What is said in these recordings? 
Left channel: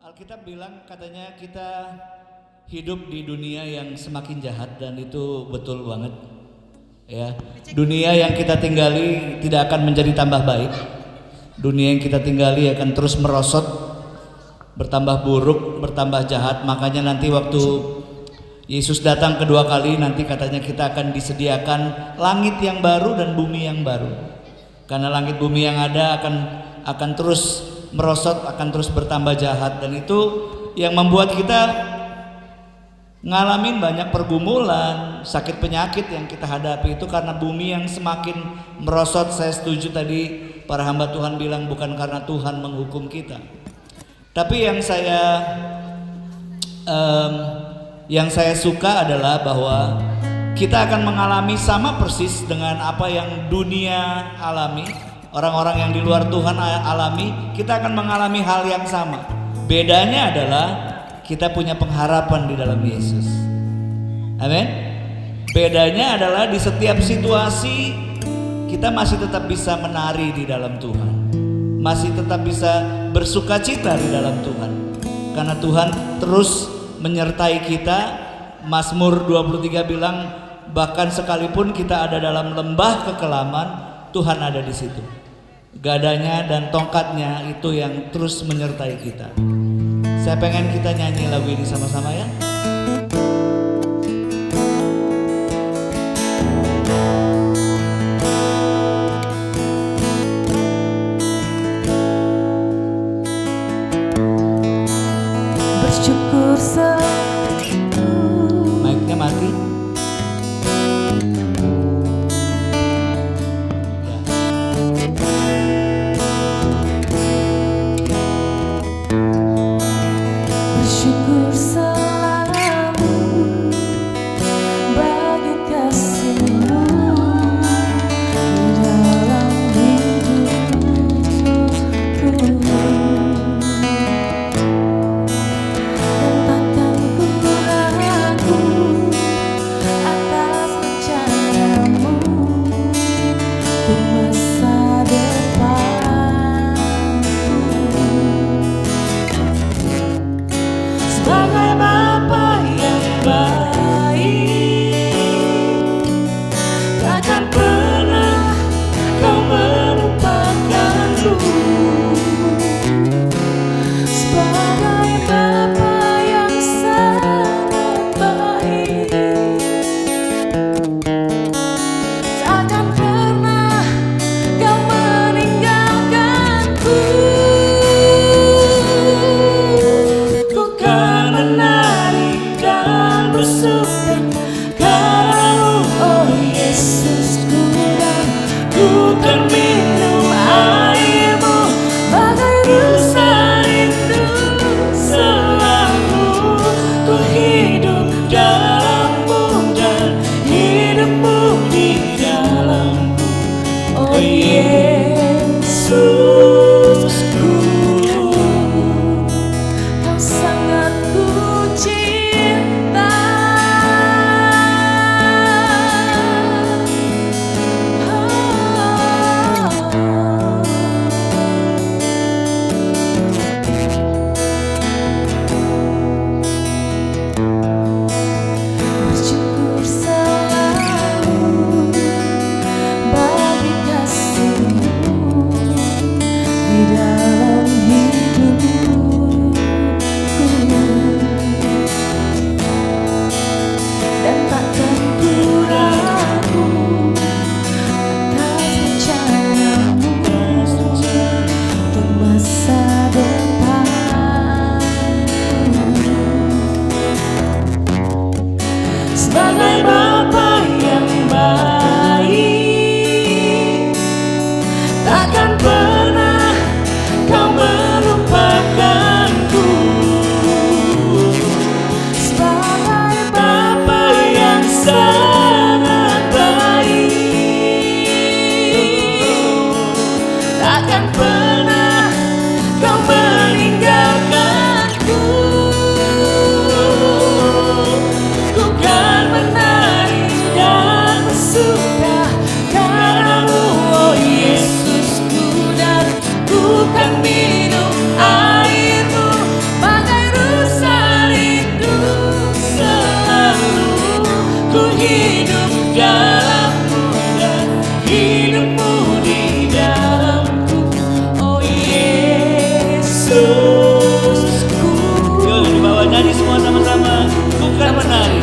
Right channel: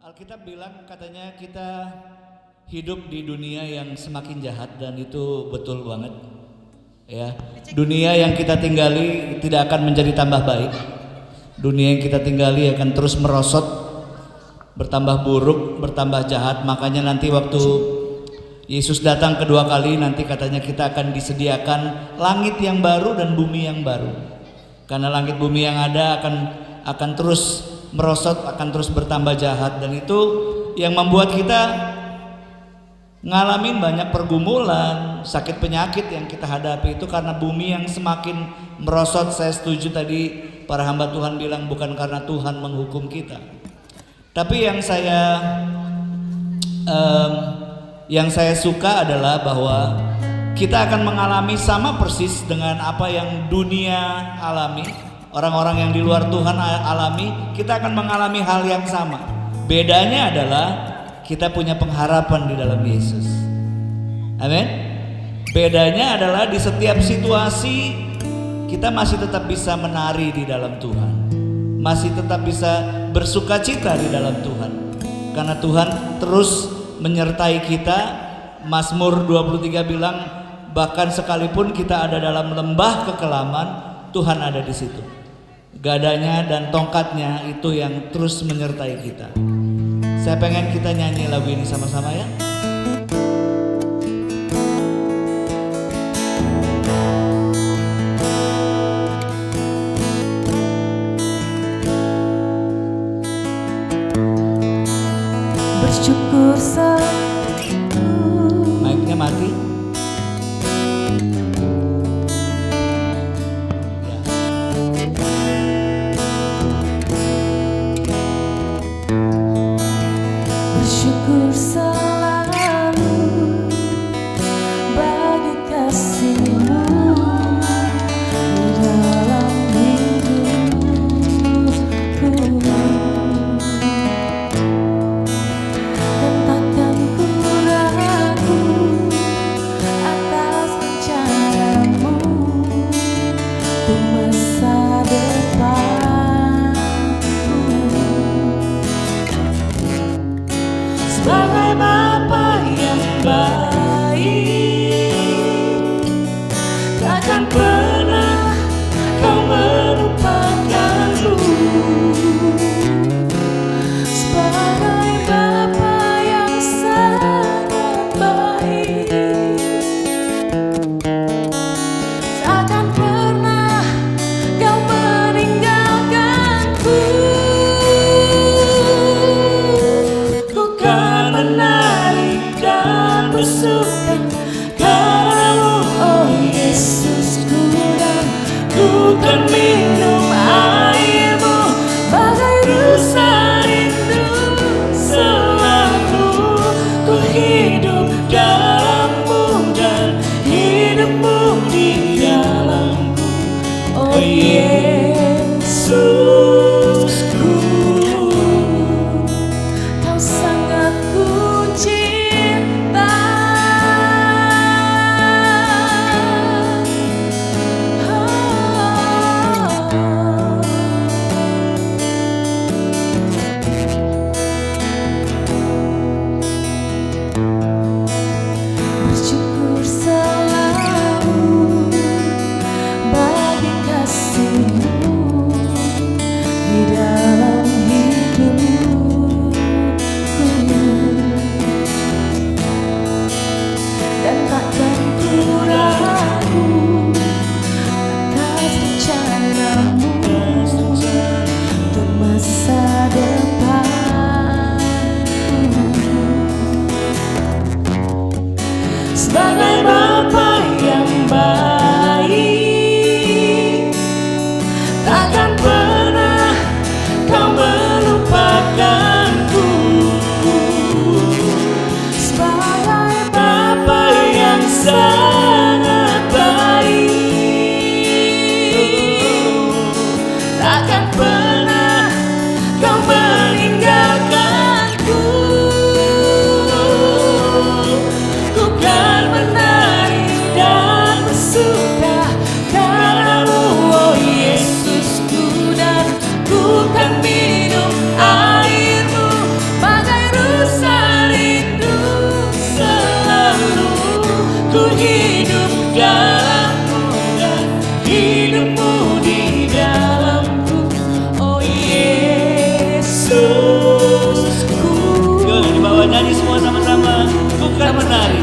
Alkitab bilang katanya kita hidup di dunia yang semakin jahat dan itu betul banget. Ya, dunia yang kita tinggali tidak akan menjadi tambah baik. Dunia yang kita tinggali akan terus merosot, bertambah buruk, bertambah jahat. Makanya nanti waktu Yesus datang kedua kali, nanti katanya kita akan disediakan langit yang baru dan bumi yang baru. Karena langit bumi yang ada akan terus merosot, akan terus bertambah jahat, dan itu yang membuat kita ngalamin banyak pergumulan, sakit penyakit yang kita hadapi itu karena bumi yang semakin merosot. Saya setuju tadi para hamba Tuhan bilang bukan karena Tuhan menghukum kita, tapi yang saya suka adalah bahwa kita akan mengalami sama persis dengan apa yang dunia alami, orang-orang yang di luar Tuhan alami. Kita akan mengalami hal yang sama. Bedanya adalah kita punya pengharapan di dalam Yesus. Amin. Bedanya adalah di setiap situasi kita masih tetap bisa menari di dalam Tuhan, masih tetap bisa bersukacita di dalam Tuhan, karena Tuhan terus menyertai kita. Mazmur 23 bilang bahkan sekalipun kita ada dalam lembah kekelaman, Tuhan ada di situ. Gadanya dan tongkatnya itu yang terus menyertai kita. Saya pengen kita nyanyi lagu ini sama-sama ya. Bersyukur selalu. Mic-nya mati. Ya. Bersyukur selalu bagi kasih-Mu di dalam hidupku, dan takkan ku ragu atas rencana-Mu untuk masa depanku. Sebagai Bapa yang baik, takkan pernah Kau melupakanku. Sebagai Bapa yang sangat baik, takkan pernah Kau meninggalkanku. Ku kan menari dan bersuka karena-Mu, oh Yesusku, dan ku kan minum air-Mu bagai rusa rindu selalu. Ku hidup dalam-Mu dan hidup-Mu di dalamku, oh Yesusku. Kau sangat ku cinta. Bersyukur selalu bagi kasih-Mu di dalam hidupku, dan takkan ku ragu atas rencana-Mu untuk masa depanku. Sebagai Bapa yang baik, takkan pernah Kau melupakanku. Sebagai Bapa yang sangat baik, takkan pernah Kau meninggalkanku. Ku kan menari dan bersuka karena-Mu, oh Yesusku, dan ku kan minum air-Mu menari.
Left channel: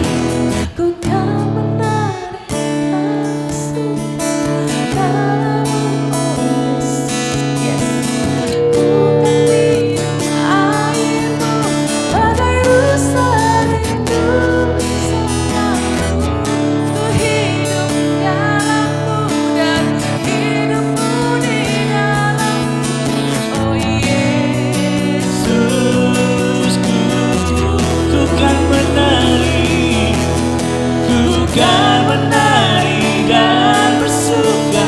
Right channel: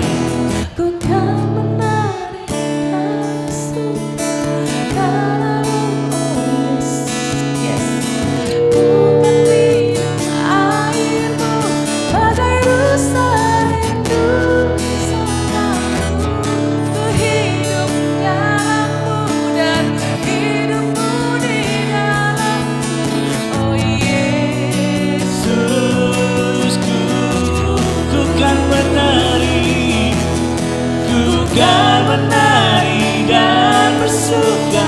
Ku kan menari dan suka padamu, oh Yesus, yes. Ku kan minum airmu bagai rusa rindu selalu. Ku hidup dalammu dan hidupmu di dalamku, oh Yesusku, ku kan menari, ku kan menari dan bersuka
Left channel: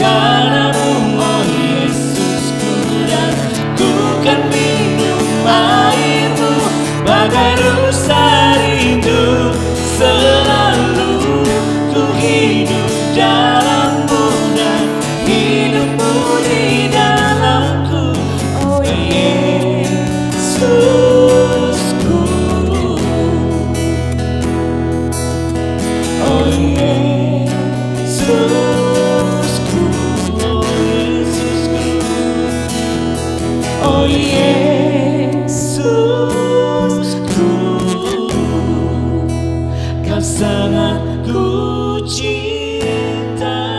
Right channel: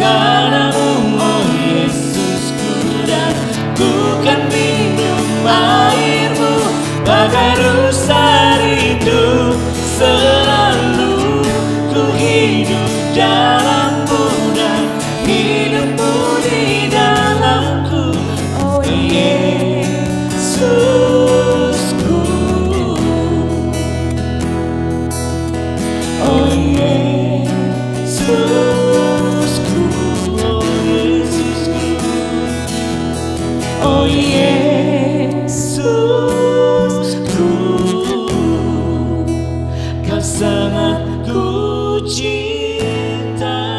padamu, oh Yesusku, dan ku kan minum airmu bagai rusa rindu selalu. Ku hidup dalammu dan hidupmu di dalamku, oh Yesusku, oh Yesusku, oh Yesusku, oh Yesusku, kau sangat ku cinta.